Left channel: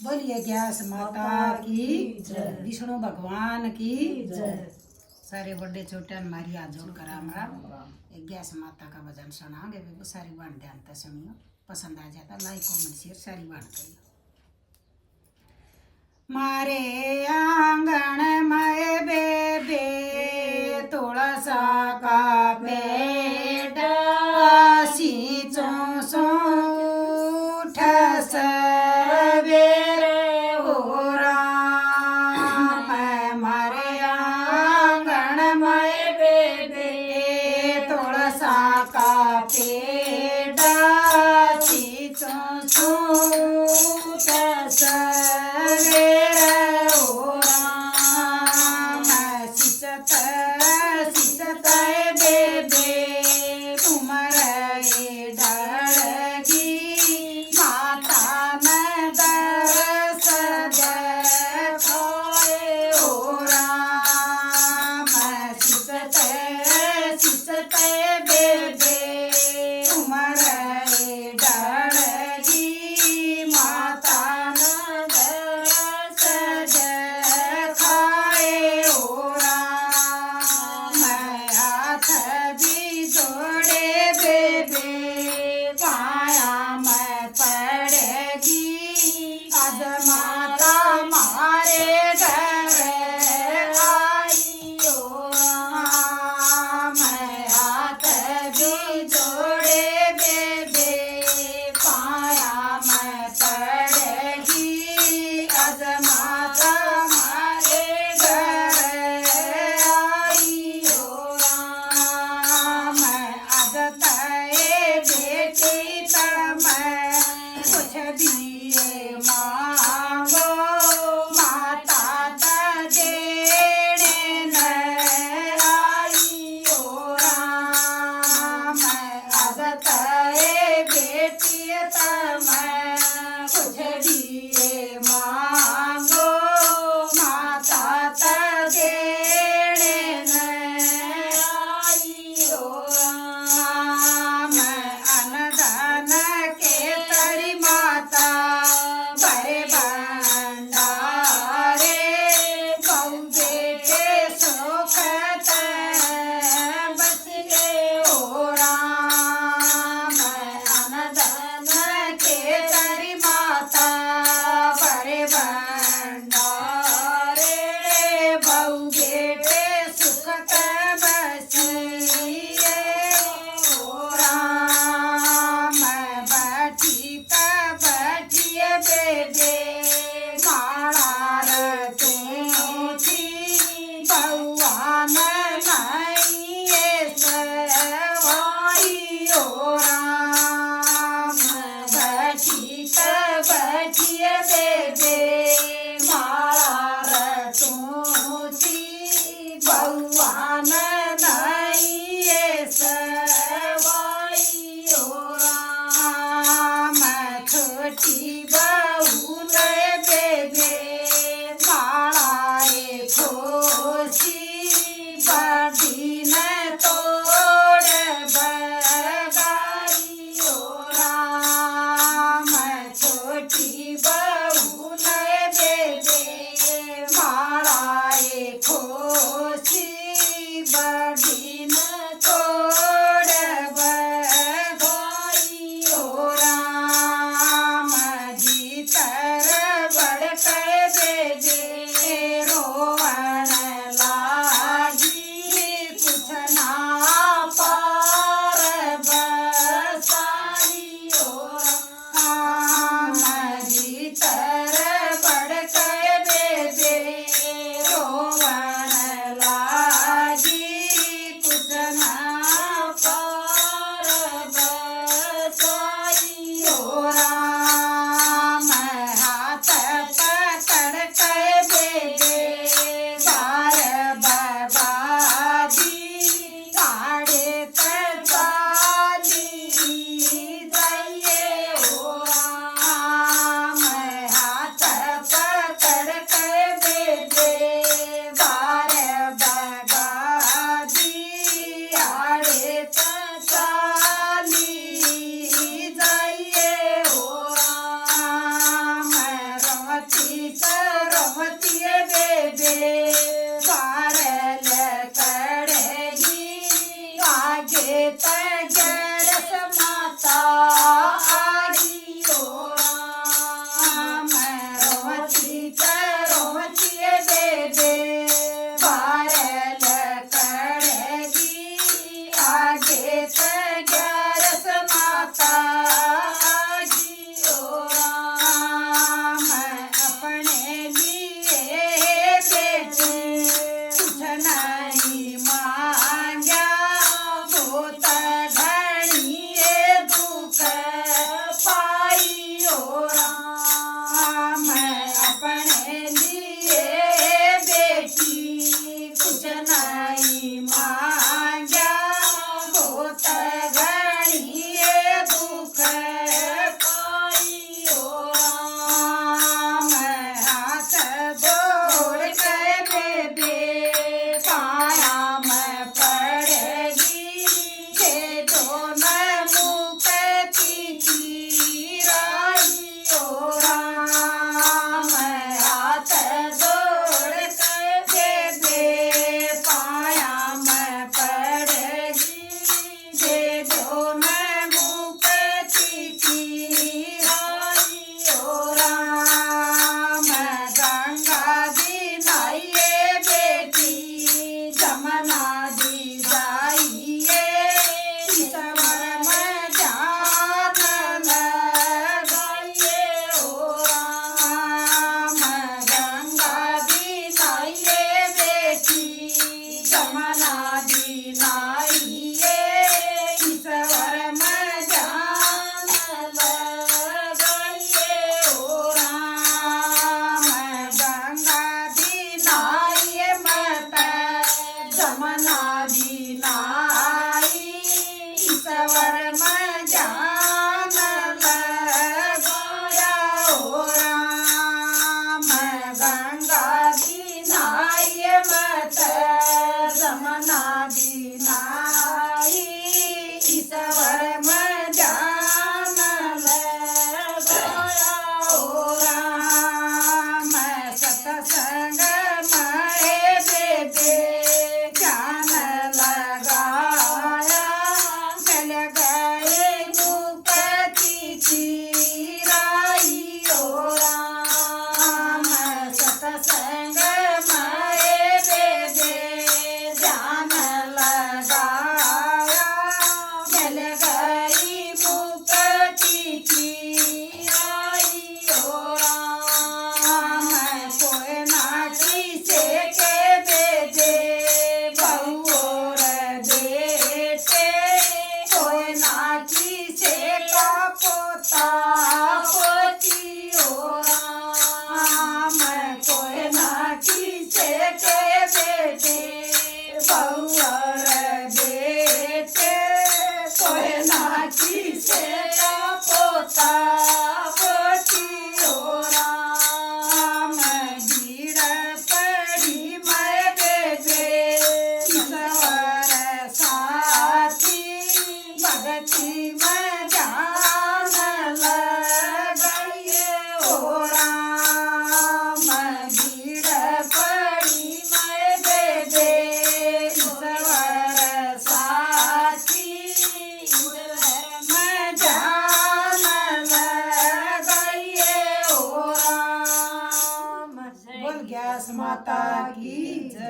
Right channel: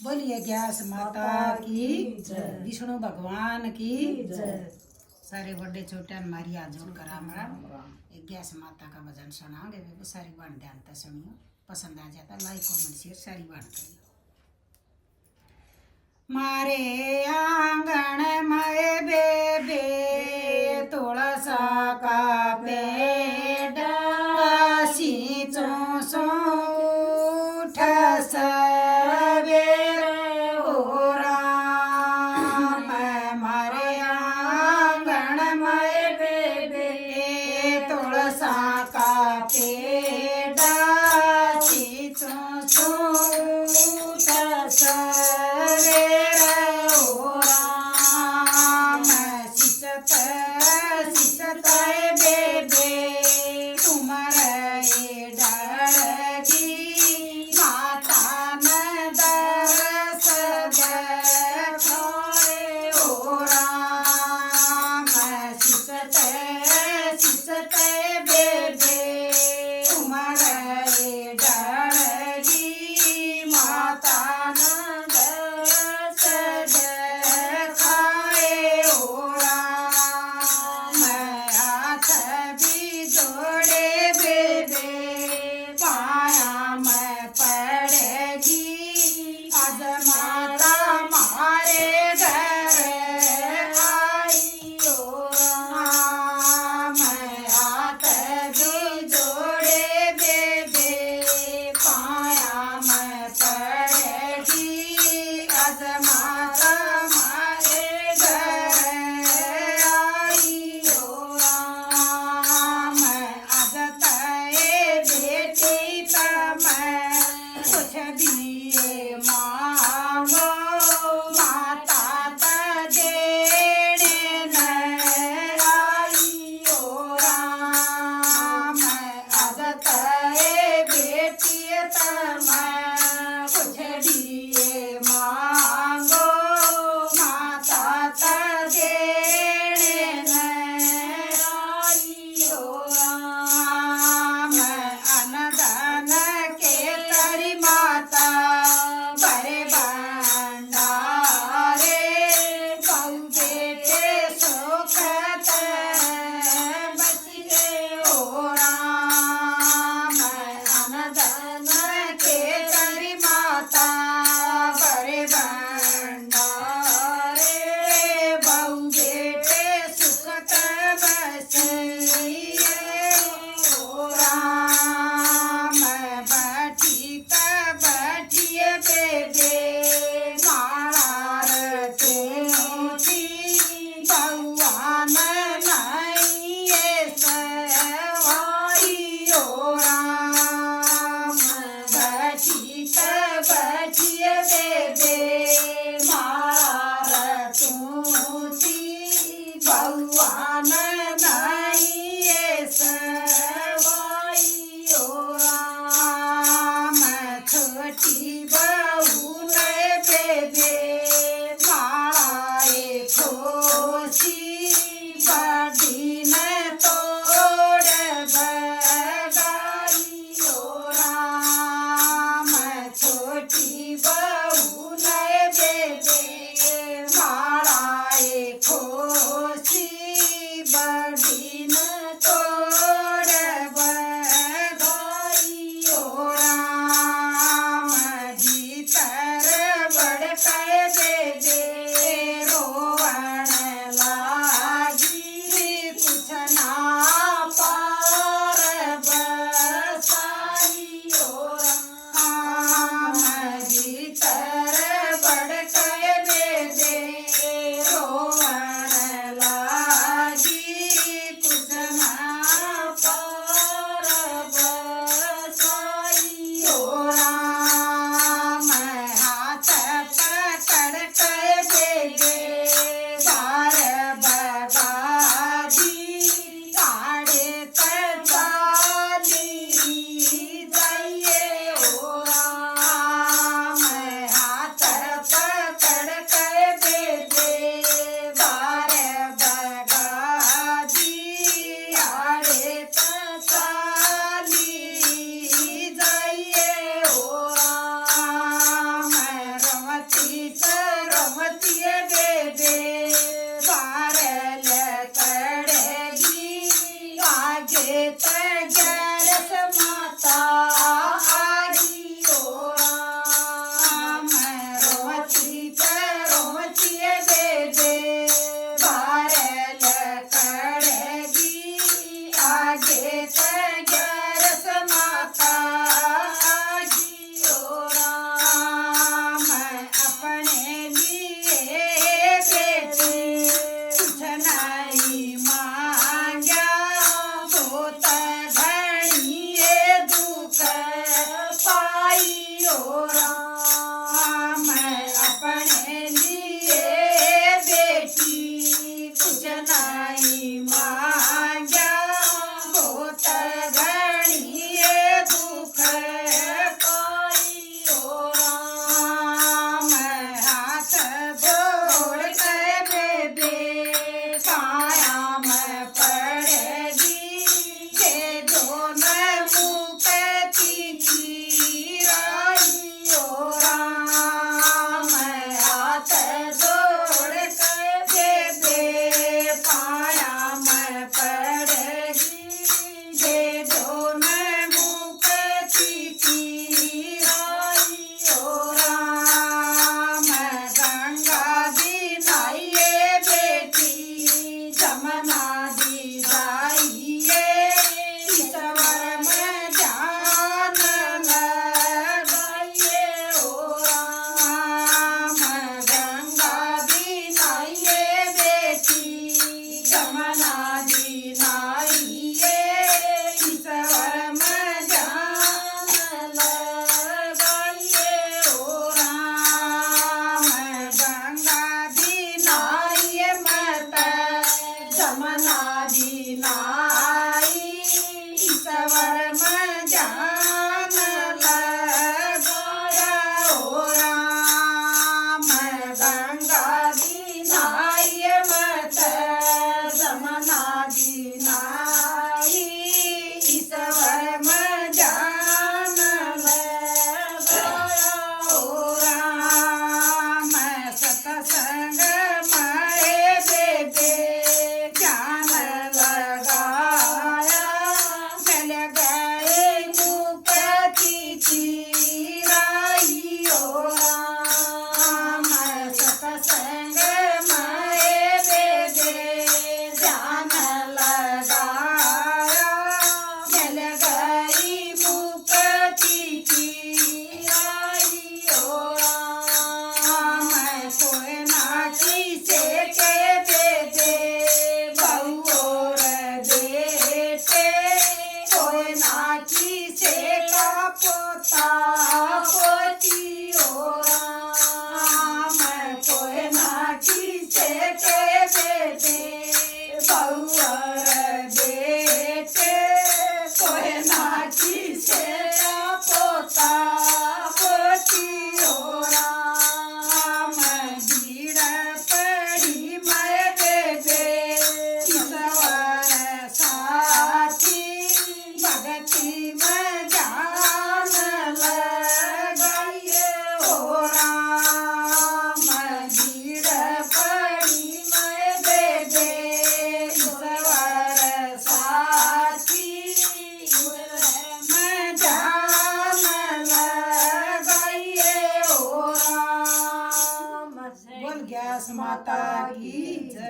बोलिए ग्यास माता की जय, विष्णु भगवान की जय। सारे बड़े छोटे हमारी हाथ जोड़कर राम राम। ग्यास माता का भजन सुनाओगे बेबे, सारी बाण ध्यान से सुनियो। पसंद आ जाता लाइक कमेंट शेयर सारी बाण करियो। मारे आंगन में बेबे तुलसा का पेड़, सींचो सो उठ सवेरे हो राम। मारे आंगन में बेबे तुलसा का पेड़, सींचो सो उठ सवेरे हो राम। सिसत सिसत बेबे तुम्हारे डरगी, माता न दरस देखोए हो राम। सिसत सिसत बेबे तुम्हारे डरगी, माता न दरस देखाए हो राम। हाथ भी जोड़े बेबे पाया मैं पड़ेगी, आज माता मारे घर आई हो राम। हाथ भी जोड़े बेबे पाया मैं पड़ेगी, आज माता मारे घर आई हो राम। आज तय बेटी तम कुछ दिए मांगो, माता त देने न आई हो राम। आज तय बेटी तम कुछ दिए मांगो, माता त देने न आई हो राम। अनदान के तरी माता बड़े भंडारे, बहु बेटे सुखत बचिए हो राम। अनदान के तरी माता बड़े भंडारे, बहु बेटे सुखत बचिए हो राम। बैठिए बेबे माला रखूं थी, भगवान नहीं सवाई हो राम। बैठिए बेबे माला रखूं थी, भगवान नहीं सवाई हो राम। छोटी बहू ने बेबे मालाए खोसी, बड़ी ने तोड़ बगाई हो राम। छोटी बहू ने बेबे मालाए खोसी, बड़ी ने तोड़ बगाई हो राम। भीतर बड़के बेबे रोवण लागी, कुछ ना पार बसाई हो राम। भीतर बड़के बेबे रोवण लागी, कुछ ना पार बसाई हो राम। हाथ पकड़ संग माए बेदे ध्यान लगाया मिल गई मुक्ति की आई ओ राम कोई ना किसे के बेदे बहु बेटे कोई ना किसे का पोता पोती ओ राम कोई ना किसे के बेटे बहुअर बेटे कोई ना किसे का पोता पोती ओ राम भीड़ पड़ी मैं बेबे ईश्वर साथी भगती में जान लगाई ओ राम भीड़ पड़ी मैं बेबे ईश्वर साथी में जान लगाई ओ राम। बोल गैस माता की जय।